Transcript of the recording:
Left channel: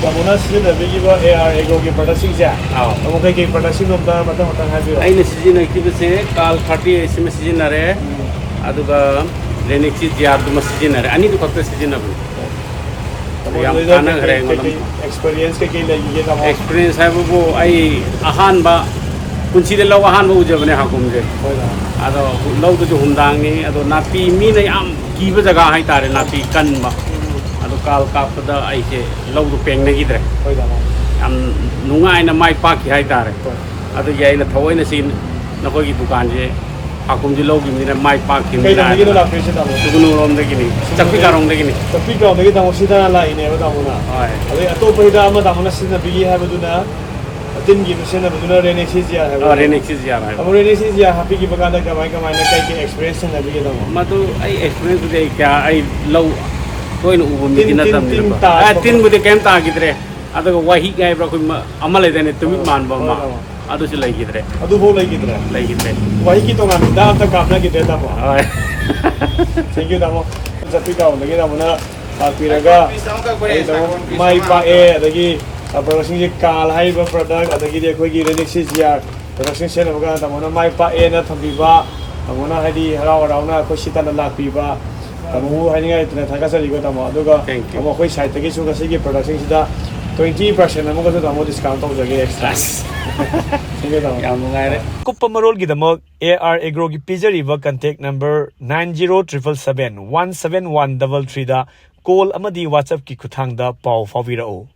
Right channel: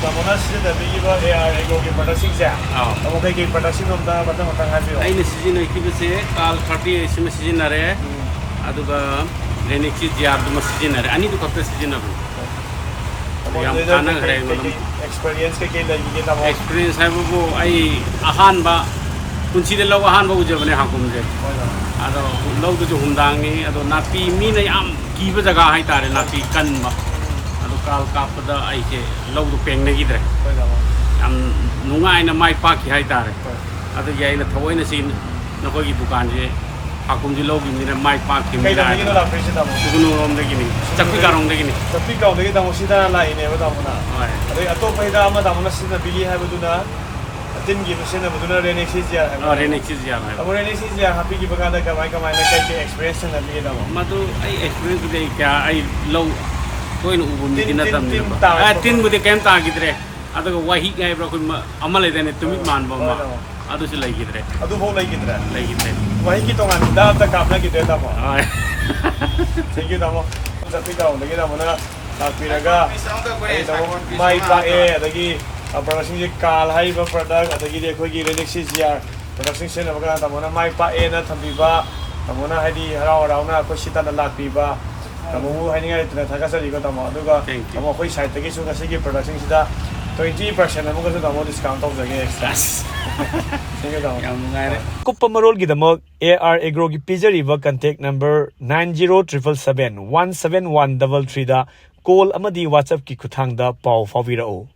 Tamona sijinnakhiba AR Agro ki product sing ja. Amukhe ki product sing umda matam matang habi. Aina sijinnakhiba se Kaal-38 sima sijinnare aduga Rynaxi GR duma sijinnare ani du khapta sijinnabu. Yam kana khare ngam experience ke lagi tamo. Experience hai bu ai ahan ba kunchi de law ahan ba ujabne hakum je. Ado law du humdang ni ado napi mi na yam kiba jaga hai tare napi kan ba. Ado kal kapada ai ke law du peng na gidre. Am nungai na mai pa ki hai tare. Ado yai na thawai na sin na ko gi dukan je hakum ji law gi ni na mai pa ki mi na. Tugunu rom de gini. Chakpi karong de gini. Chakpi karong de tamo sida la ine ba tamo na. Hai. Oi ato poida ama tamo na sida bigi ha baduna. Tin gi sida baduna Rynaxi GR ha. Rynaxi GR hai. Amu Rynaxi GR happy ki baganda kamai kamai ne kai ki experience na bigi tamo. Madu ai experience de kya ai law koi nu ubun mi na tam ni ba. Ai tin bu de kem ta gidre. Ado wahi gai bra koi amal de ne tumit man ba ma. Ado se lai gidre. Ado ho lai gidre. Lai gidre. Wahi ki to na da ta kapna gidre tamo. Hai. Thank you tamo. Chakpi karong de tamo na piraga mai pa e adagi production ji Kaal haiba product adagi de khoi gi Rynaxi GR production se na baga tamo na mai pa e na thambi ba tamo na hadi harau harau na ko sita na lakpi ba tamo hani ga tna thaga sari go tamo aduga tamo khoi site gi su ga se gi production sida 20% na mo ga tamo discount ho jage extra Yam ngai re. Kuppa marol gi tamo AR Agro gi pijariba contact number 9077717133 da call amadi WhatsApp ki khuthang da pau fawira o